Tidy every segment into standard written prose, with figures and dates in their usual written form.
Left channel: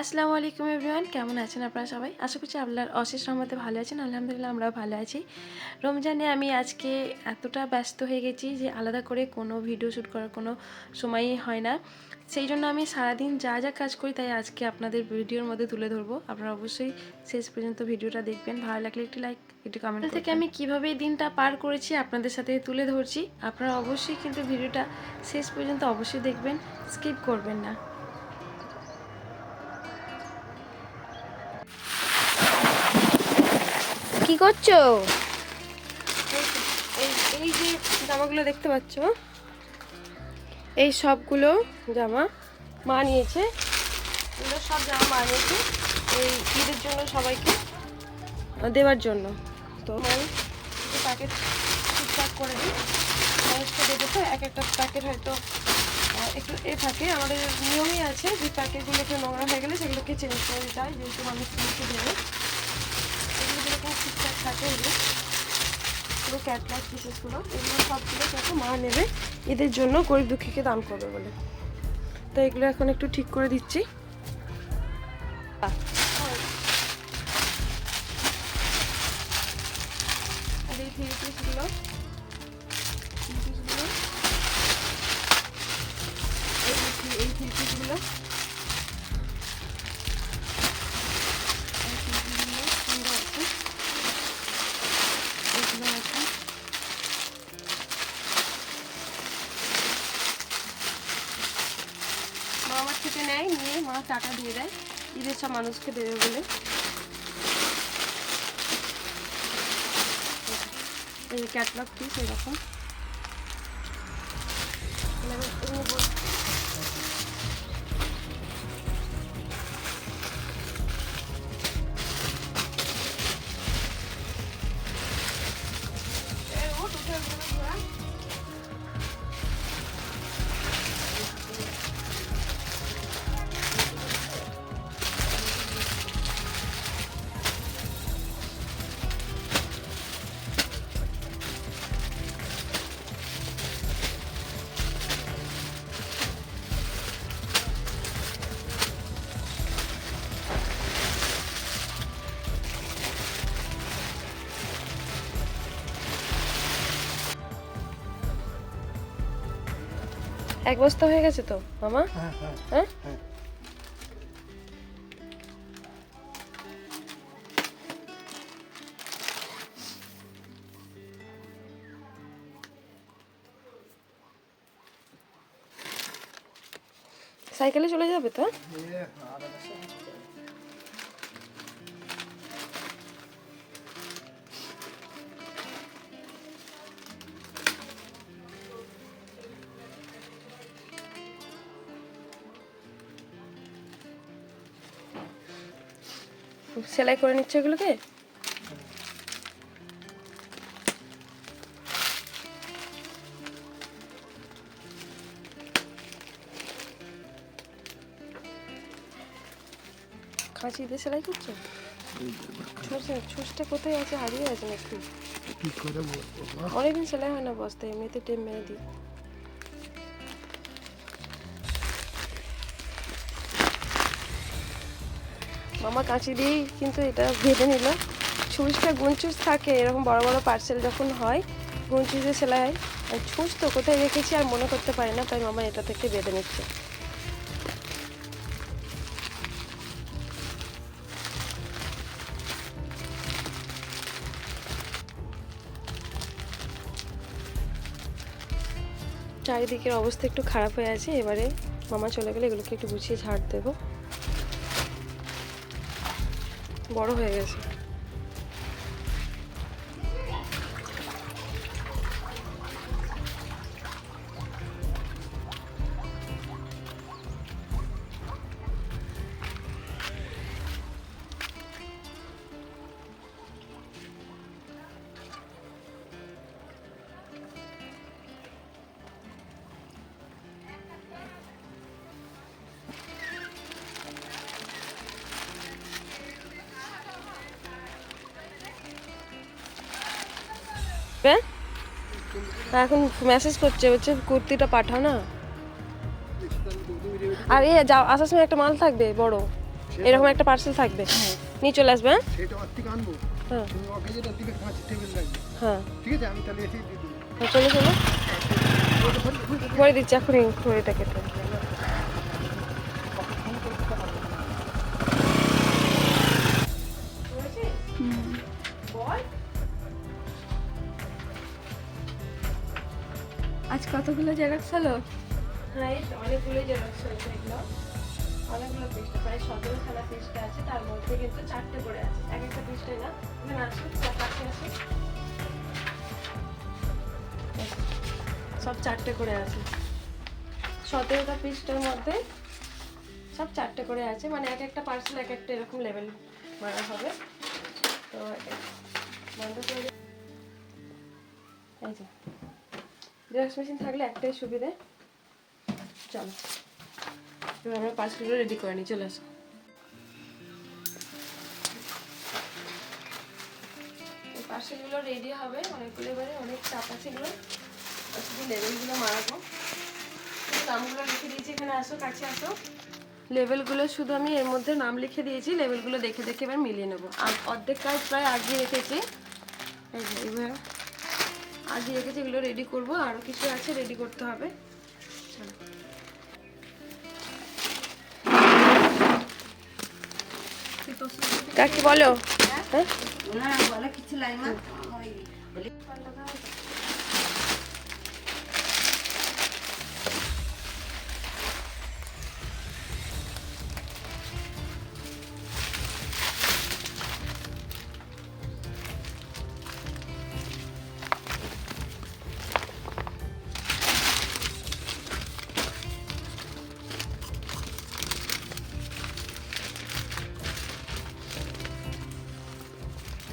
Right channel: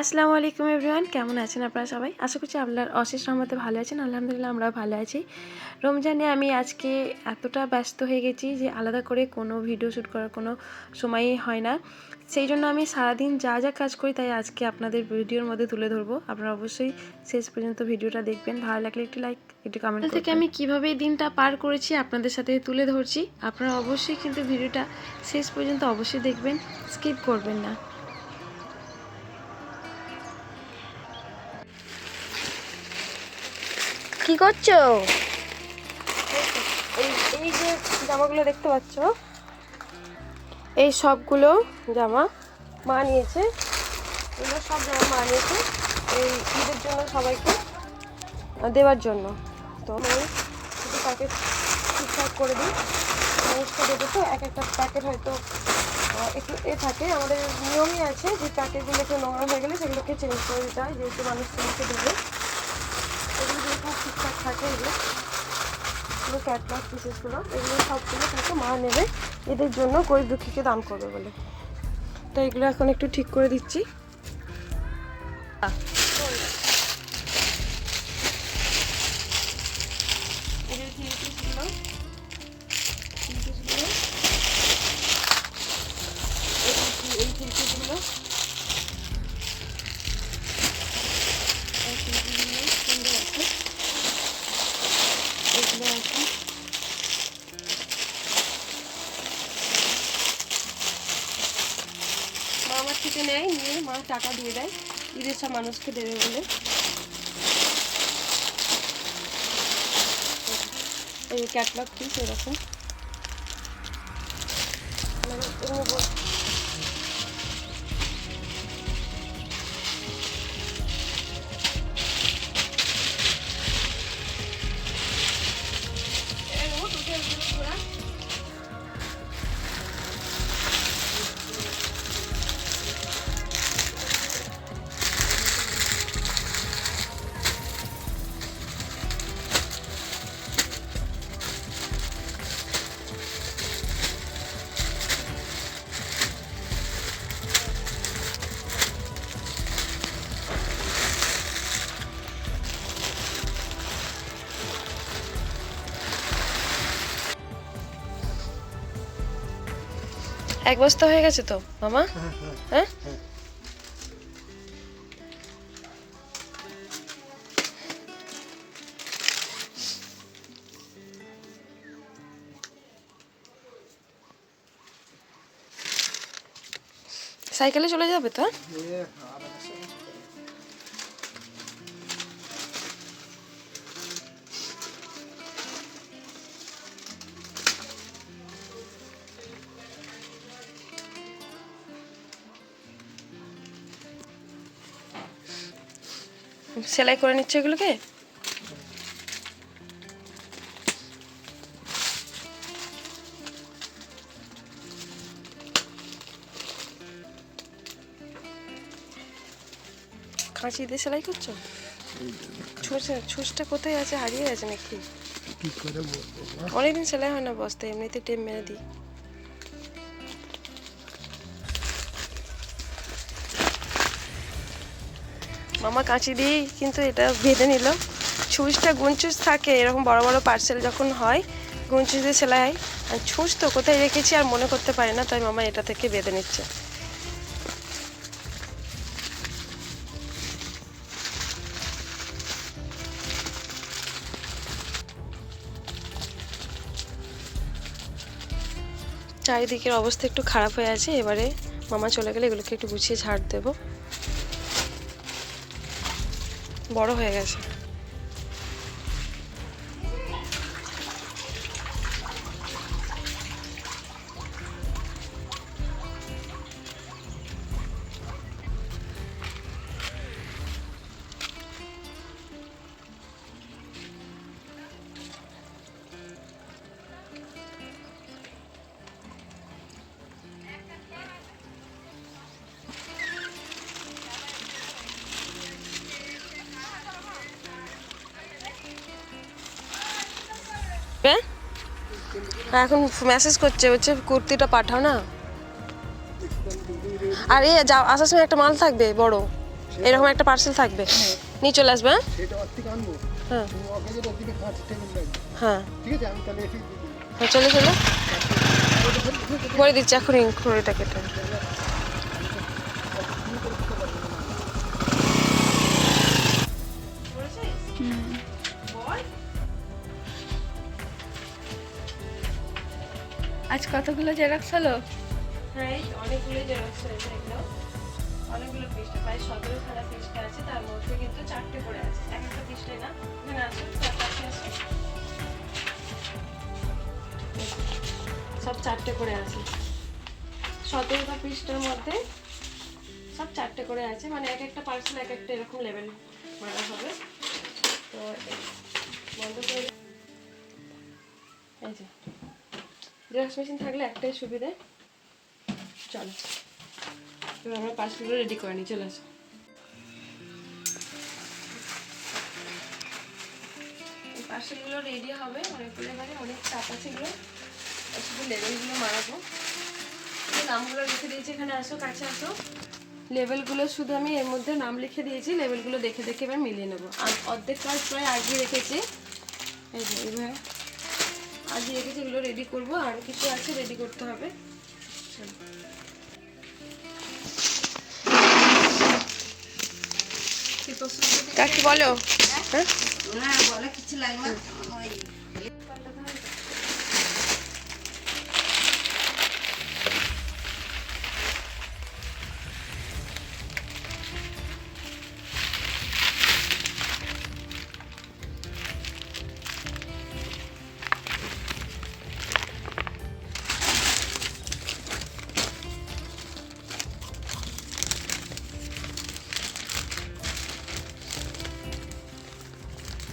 আসসালামু আলাইকুম এভরিওয়ান, কেমন আছেন আপনারা সবাই? আশা করছি আল্লাহর অশেষ রহমতে ভালো আছেন। আলহামদুলিল্লাহ আমরাও ভালো আছি। রমজানে আমি আজকে এতটা ব্যস্ত হয়ে গেছি যে আলাদা করে কোনো ভিডিও শ্যুট করার কোনো সময়ই হয় না। সেই জন্য আমি সারাদিন যা যা কাজ করি তাই আজকে আপনাদের ভিডিওর মধ্যে তুলে ধরবো। আপনারা অবশ্যই শেষ পর্যন্ত ভিডিওটা দেখবেন। ভালো লাগলে একটি লাইক, একটু কমেন্ট থেকে আমি কীভাবে এই দিনটা পার করেছি আপনাদের সাথে তুলে ধরছি। আপনারা অবশ্যই কিন্তু ভিডিওটা শেষ পর্যন্ত অবশ্যই দেখবেন, স্কিপ করবেন না। কি করছো? এই যে জামাগুলো দেখতে পাচ্ছ, এই সবগুলো জামা মা নিয়েছে। এগুলো সব জামা মা নিয়েছে এই ঈদের জন্য সবাইকে দেওয়ার জন্য। তো প্যাকেট ঠিকঠাক করে দিই। দেখেছো এক একটা প্যাকেট হয়তো একটু থাকে। আমাদের নিয়মই আছে যে প্যাকেটগুলো একটু নোংরা হয়ে গেলে সেগুলোকে চেঞ্জ করে দিতে হয়, যেহেতু মানুষ তোমাকে দেবে। এগুলো যেরকম ঠিকঠাক থাকে, এগুলো ক্যাটলগ পিসেসগুলো এগুলো সবগুলো থাকে মা নেবে এদের জন্য, গরিব দুঃখীকে দান করবে বলে। তো এগুলো এখন একটু ঠিক করে দিচ্ছি। এদের থ্রি পিসগুলো এই থ্রি পিসগুলো সুন্দর আছে। এগুলো আছে মা আমার থেকে নেয়, নিয়ে মা টাকা দিয়ে দেয় ঈদের সব মানুষকে দেবে বলে। এই ক্যাটলগ পিস এরকম এক বস্তা হয়ে গেছে তো মামা? হ্যাঁ, সাইকেলে চলে যাবে তো? সেলাই করে নিচ্ছে এগুলোকে। কাঁচি দিয়ে সেলাই করছো? ছুঁচটা কোথায় আছে, হারিয়ে গেছে নাকি? অনেকদিন সেলাই হয় না বস্তায়, এমনিতে টেপ মেরে দিই। মামা কাঁচি দিয়েই কিন্তু এটা বেঁধে নিল। ছুঁচটা গুনছুঁচ থাকে এরকম বড় বড় পার্সেল যখন হয়, গুনছুঁচ দিয়ে সেলাই হয়। আর ছুঁচ তো কোথায় রেখেছি আর মনে করতে পারি না, তাই মামা এটা থেকে বেঁধে নিচ্ছে। চারিদিকের অবস্থা একটু খারাপ হয়ে আছে, এবারে মামা চলে গেলে এগুলোকে একটু গুছিয়ে ঝাড় দেবো। বড় হয়ে গেছে। এখন মেসেজ করছে, বলছে কুর্তিটা পাঠাও না। আর এ যাও, আসার সময় একটা মাল থাকবে বড়। এরকম একটা পার্সেল থাকবে, নিয়ে চলে আসবে। হ্যাঁ হ্যাঁ হ্যাঁ, চলে চলো করে দিচ্ছি এখনই ঘড়িটা কেটে। আজ কতগুলো জেরক্স হলো? হ্যাঁ অনেকগুলো জেরক্স হয়েছে, এগুলো অনেকগুলো পৃষ্ঠা, প্রায় 17খানা পৃষ্ঠা আছে, তার মধ্যে কিন্তু 4টে করে আছে, এক একটা পৃষ্ঠায় না। এখানে আছে কাছে আছে, সব 4টে করে আছে। 17টা পৃষ্ঠার মধ্যে সব 4টে করে আছে, মানে এক একটা পার্সেল এক একটা এরকম লেভেল মারা হবে। তো বন্ধ করে এই যে জেরক্স মেশিন থাকলে একটাই সুবিধে। চলো এবার আমরা পার্সেলগুলো রেডি করে নিই, চলে আসো। এই পার্সেলগুলো রেডি হবে অনেকগুলো, এবারে অনেক চাপ আছে, এগুলো শুধু লেবেলগুলো মারাবো। নামগুলো লিখে দিয়েছি, এখানে আসো, কাছে আসো। লেবেলগুলো শুধু আমি এর মধ্যে নাম লিখে দিয়েছি, লেবেলগুলো দেখে দেখে এবার মিলিয়ে নেবো। অর্ধেক কাজ প্রায় আগিয়ে রেখেছি, এই যে এবার আগিয়ে রেখেছি, এগুলো রেডি করবো, আরও কিছু আছে রেডি করতে হবে। কাকি বলো। হ্যাঁ বলে কিছু লাগবে না।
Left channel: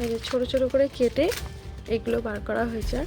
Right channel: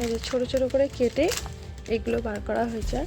এই যে ছোট ছোট করে কেটে এগুলো বার করা হয়েছে।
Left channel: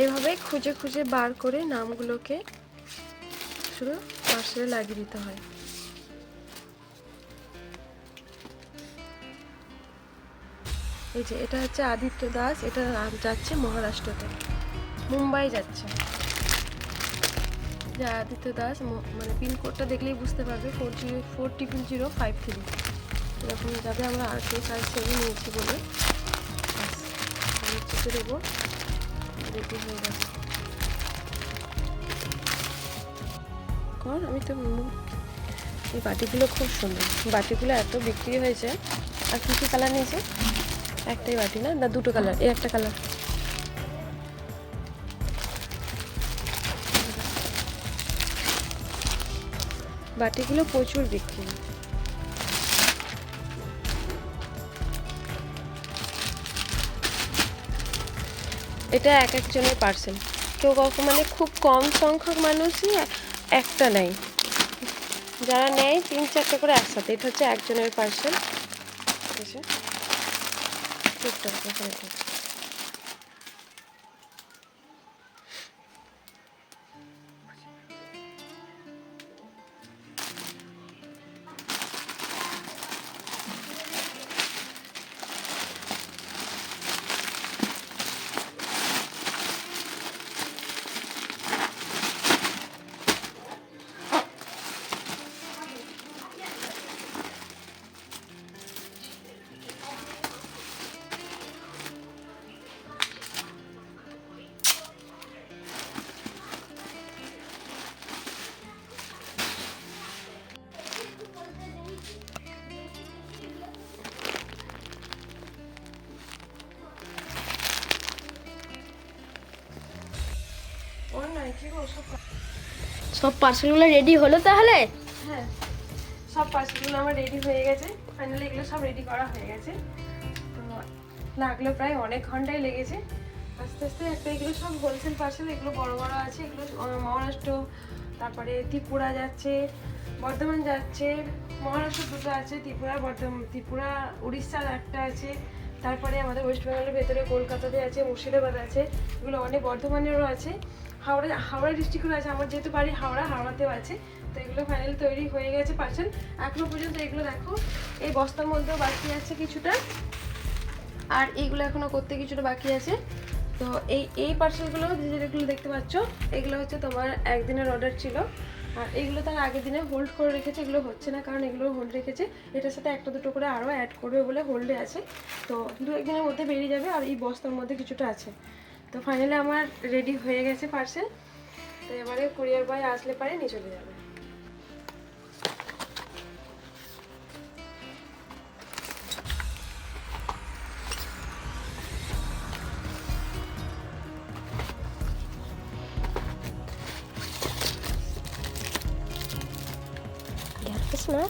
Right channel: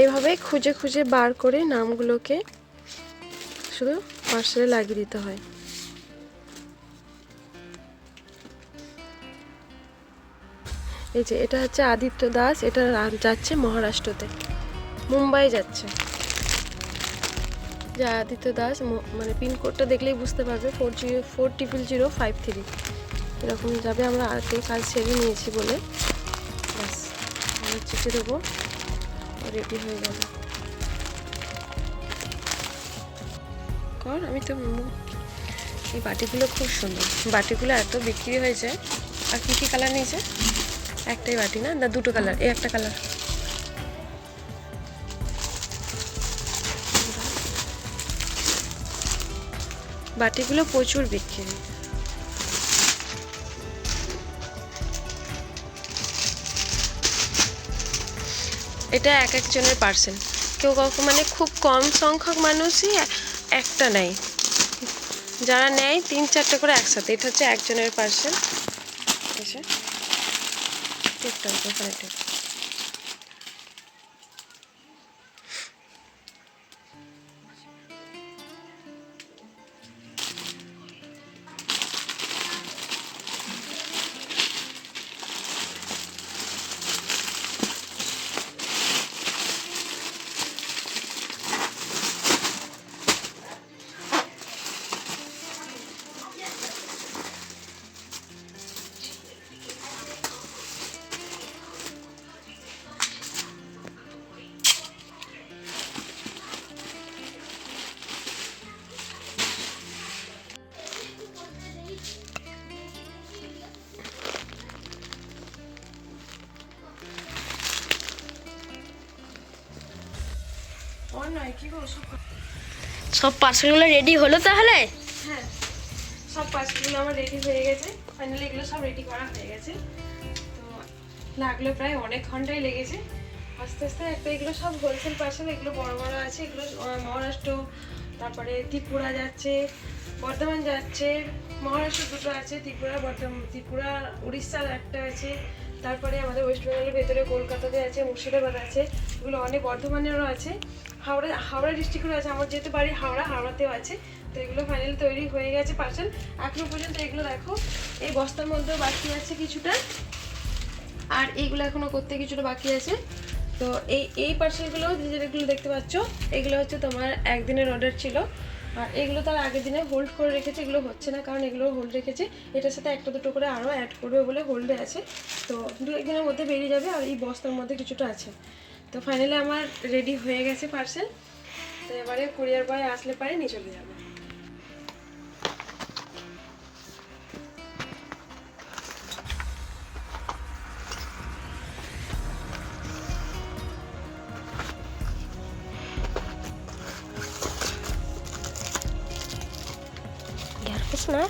এইভাবে খুঁজে খুঁজে বার করে নামগুলোকে শুধু পার্সেলে লাগিয়ে দিতে হয়। এই যে এটা হচ্ছে আদিত্য দাস, এটা যাচ্ছে মহারাষ্ট্রতে, মুম্বাই যাচ্ছে। যে আদিত্য দাস, মানে পিনকোডটা দেখলেই বুঝতে পারবে, 404053 এরকম যাবে। আমরা আগে কাজ সেরে নিয়েছি বলে ব্যাস আমি চেপে দেবো, রেডি হয়ে যাবে। কর আমি তো, এই বাটিগুলো খুব সুন্দর, বাটিগুলো এত বিক্রি হয়েছে। আর কী কী কালার নিয়েছে? একটাই বাটি না, না দুটো কালার, এই একটা কালার। বাটিগুলো প্রচুর বিক্রি। এটা এক একজনের পার্সেল, কেউ কখন মানে খুব কম সংখ্যক মানুষই একটা নেয়, যারা নেয় 3-4টা করে একসাথে। এটা হচ্ছে একজনের পার্সেল। এসে টুকটাক ওখানে ঠিক সব পার্সেলগুলো রেডি হলো তাহলে? হ্যাঁ সব পার্সেলগুলো আমার রেডি হয়ে গেছে, ফাইনালি এগুলো সব রেডি করা হয়ে গেছে। তো লাগলো প্রায় অনেক ঘন্টাই লেগেছে আস্তে আস্তে। একটা এগুলো সব হোলসেল পার্সেল, এগুলো বড় বড় আছে, এগুলো মহারাষ্ট্র, তারপরে ত্রিপুরা যাচ্ছে, বর্ধমান যাচ্ছে, মহারাষ্ট্র দুটো আছে, ত্রিপুরা উড়িষ্যার একটা আছে, তারপরে আমাদের ওয়েস্ট বেঙ্গলের ভেতরে কলকাতাতে আছে, মুর্শিদাবাদ আছে, এগুলো অনেক, বর্ধমানেরও আছে, হাওড়া ডিস্ট্রিক্টেরও আছে। আমার যেহেতু বাড়ি হাওড়াতেও আছে। তো এগুলো ফাইনাল তৈরি হয়ে গেছে পার্সেল। এখনো পর্যন্ত এগুলো দেখো এই বস্তার মধ্যেও বাকি আছে কিছুটা, আর এইগুলো এখনো করতে কিছুটা বাকি আছে। তো এই পার্সেলগুলো যেগুলো দেখতে পাচ্ছ, এগুলো হচ্ছে তোমার একদিনের অর্ডার ছিল, আর এগুলো তার আগের দিনে হোল্ড করে রেখেছে। এগুলো হচ্ছে না কারণ এগুলো হোল্ড রেখেছে, এটার সাথে একটা দুটো করে আরও অ্যাড করবে বলে হোল্ডে আছে। তো 2-1 দিনের মধ্যে বেরিয়ে যাবে, আর এই বস্তার মধ্যে কিছুটা আছে। তো ফাইনালি আমার রেডি হয়ে গেছে পার্সেল। তো এবারে কুরিয়ার বয় আসলে পারে নিয়ে চলে যাবে। না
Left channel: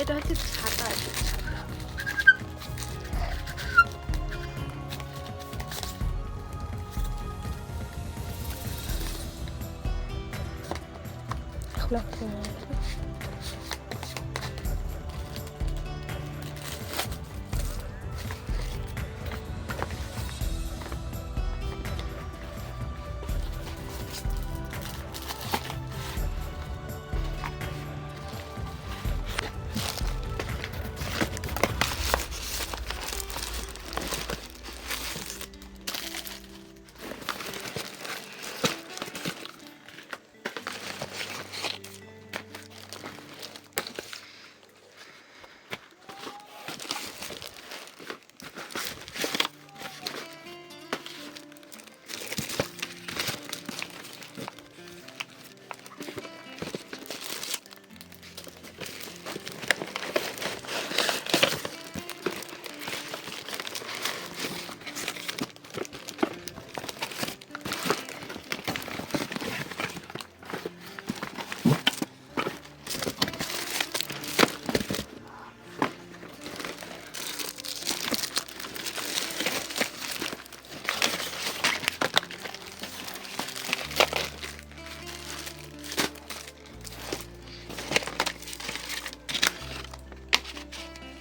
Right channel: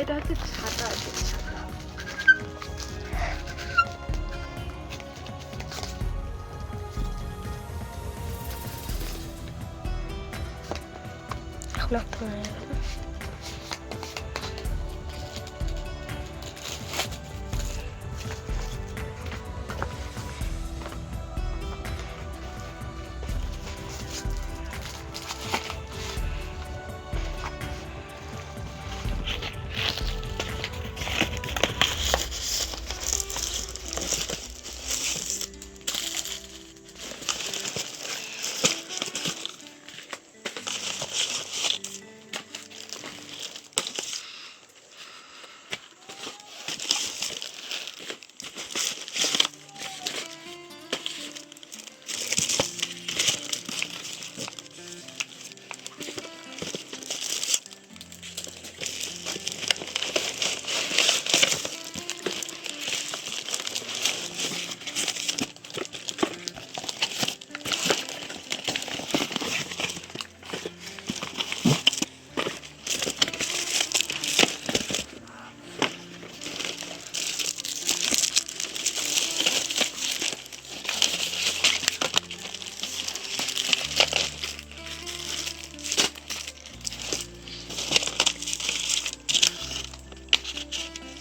এটা হচ্ছে ছাতা আছে, ছাতা।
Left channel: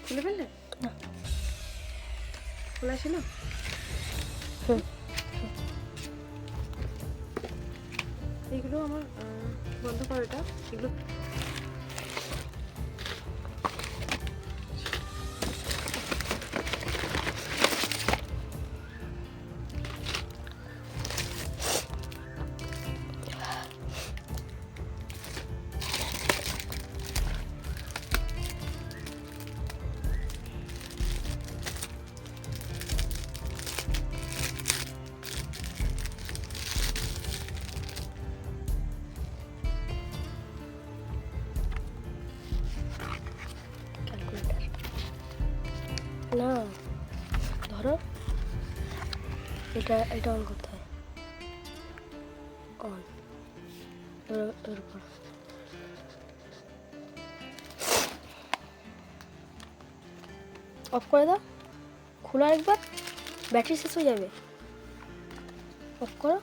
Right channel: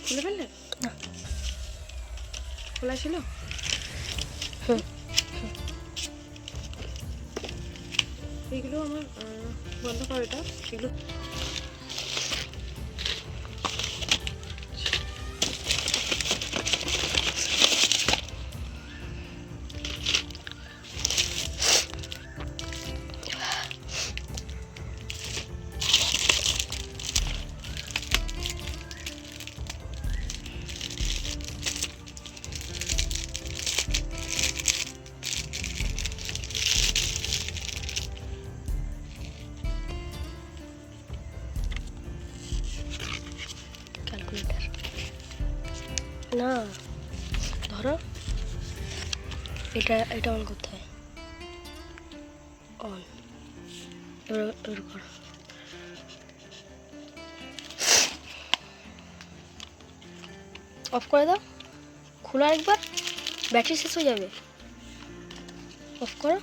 খুলে ফেললে? না, খোলা ছিল। এগুলো আমার বন্ধ করো, এটা এগুলো ক্যালকুলেটর না, ধরো এটা অন করতে হয়, অন, এর উপর অফ করে দাও, খোলা একবার, ব্যাটারি শেষ হয়ে যাবে, অফ করো।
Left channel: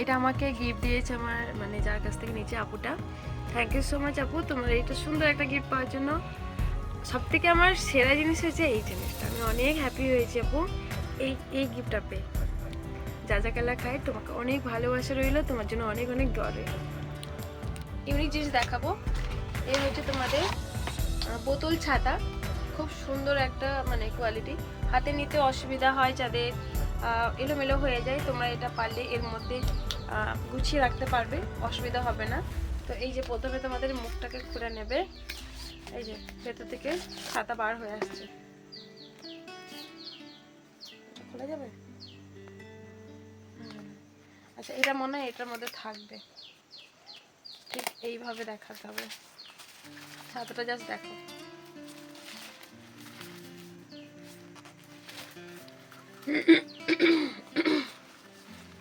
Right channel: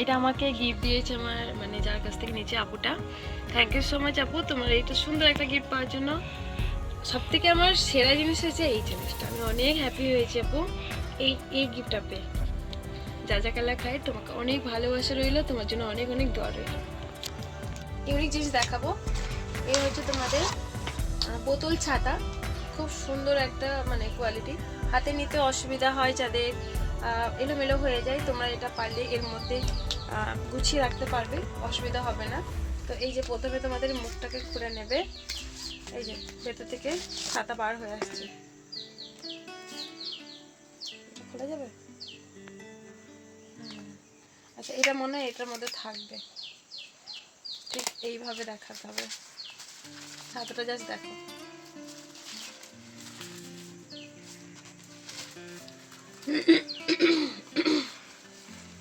এটা আমাকে গিফট দিয়েছে আমার, মানে যার কাছ থেকে নিচে আপুটা। থ্যাংক ইউ সো মাচ আপু, তোমার এইটা সুন্দর একটা গিফট পাওয়ার জন্য। সব থেকে আমার সেরা জিনিস হয়েছে এই জিনিসটা, আমি অনেক হ্যাপি হয়েছি আপু এই গিফটটা পেয়ে। যা যা কালা খায়, তোমাকে অনেক ভালোবাসা রইলো, তোমার জন্য অনেক অনেক দোয়া রইলো। ইউনিক জিনিস দেখাবো, এই হচ্ছে তোমাদের বোতল ছাতা। খুব সুন্দর একটা মানে কোয়ালিটি, হাতে নিতে অসুবিধা হয় যাদের, এলোমেলো হয়ে যায়, তোমরা এটা পারলে এর মধ্যে গুছিয়ে রাখতে পারবে, অসুবিধা হবে না। তো এই যে প্রথমে তোমাদের মুখটাকে খুলে নেবে, এই যে ভেতর থেকে খাতা বার হয়ে আসছে, খোলা যাবে। আচ্ছা, এটা মনে হয় এটার মধ্যে থাকবে, ঠিক এইভাবে দেখাতে হবে, খাতাটা জাস্ট দেখো।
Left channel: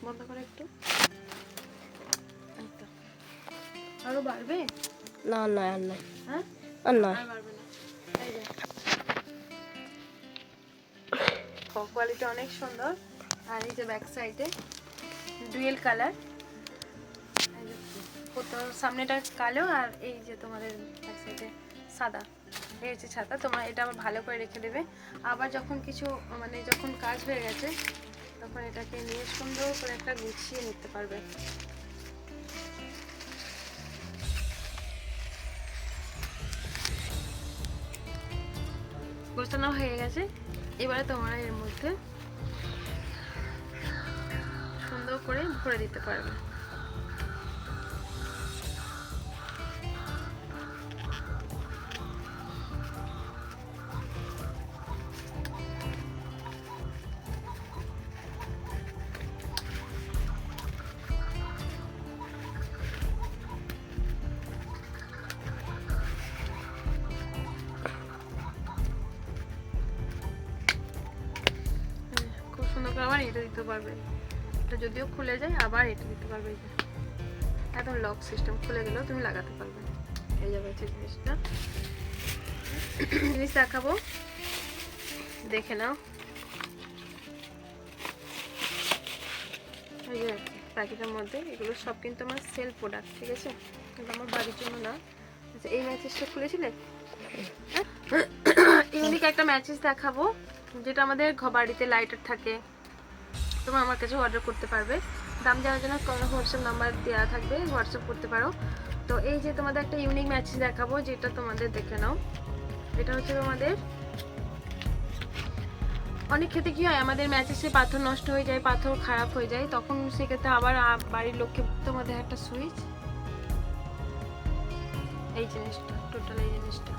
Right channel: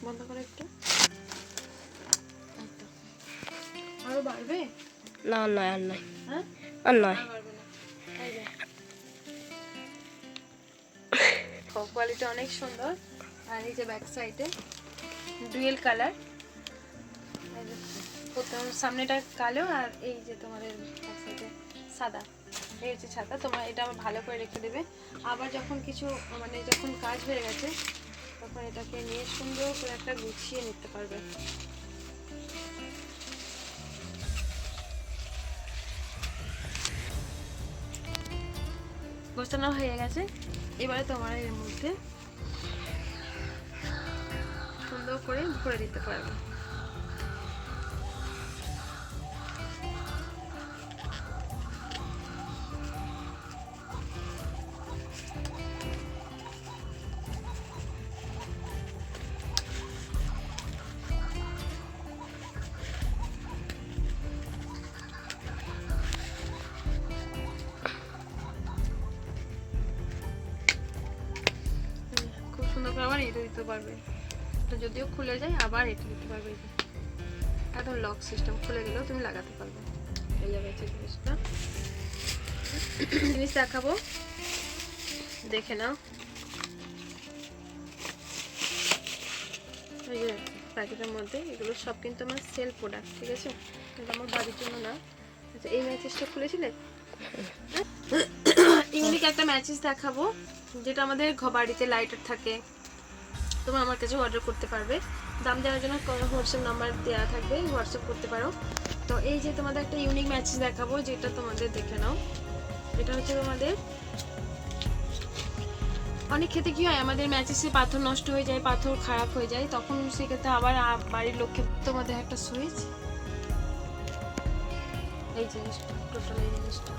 বন্ধ করে একটু। এই তো। আরো বাড়বে? না নয় আর নয়, হ্যাঁ আর নয়। আর বাড়বে না। এই যে কোয়ালিটি অনেক সুন্দর। আর এই যে ব্যাক সাইডে ডুয়েল কালার, সামনেটা কালো আর এই যে তোমাদের ব্যাক সাইডে সাদা। এই হচ্ছে ছাতা। তোমার এটা আবার ভালো করে রেখে দেবে, আবার যখন কিছু মানে যখন কাজ হয়ে গেছে তখন এটাকে নিয়ে সুন্দর করে একটা গুছিয়ে নিতে পারবে। গোছানো হয়ে গেছে, এবারে তোমরা এর মধ্যে সুন্দর করে ভরে দিতে পারবে। খুব সুন্দর করে আবার এটা দিতে পারবে, এটা যদিও খুলে যায় আবার এটা দিতে পারবে। এই যে একদম লক সিস্টেম, খুলে গেলেও তুমি লাগাতে পারবে। এই যাবে হচ্ছে জিনিসটা। জিনিস দেখাবো, দেখে নাও। এই যে প্যাকেটের মধ্যে এগুলো সব কিন্তু আমার সেল প্রোডাক্ট, ঠিক আছে, কিন্তু আমার বাড়ির জন্য না। আচ্ছা এই ম্যাচেসটা খুলেছিলে? ইউনিক একটা ম্যাচেস দেখাবো, যেটা আমাদের বাড়িতে লাইটার থাকে। তোমরা আমার কাছে অর্ডার করতে পারবে, দাম জানার জন্য হোয়াটসঅ্যাপ নাম্বার দেওয়া থাকবে, হোয়াটসঅ্যাপ করতে পারো। তো এই যে তোমাদের একটা ইউনিক ম্যাচেস দেখাবো, যেটা তোমাদের দেখে নাও। এটা হচ্ছে তোমাদের অনেক ক্ষেত্রে কি হয়, আমাদের ম্যাচেসে পাথর নষ্ট হয়ে যায়, পাথর খারাপ হয়ে যায়, তখন সেক্ষেত্রে আবার বাড়ির লোককে তোমাদের একটা সুইচ, এই জিনিসটা টোটাল এই জিনিসটা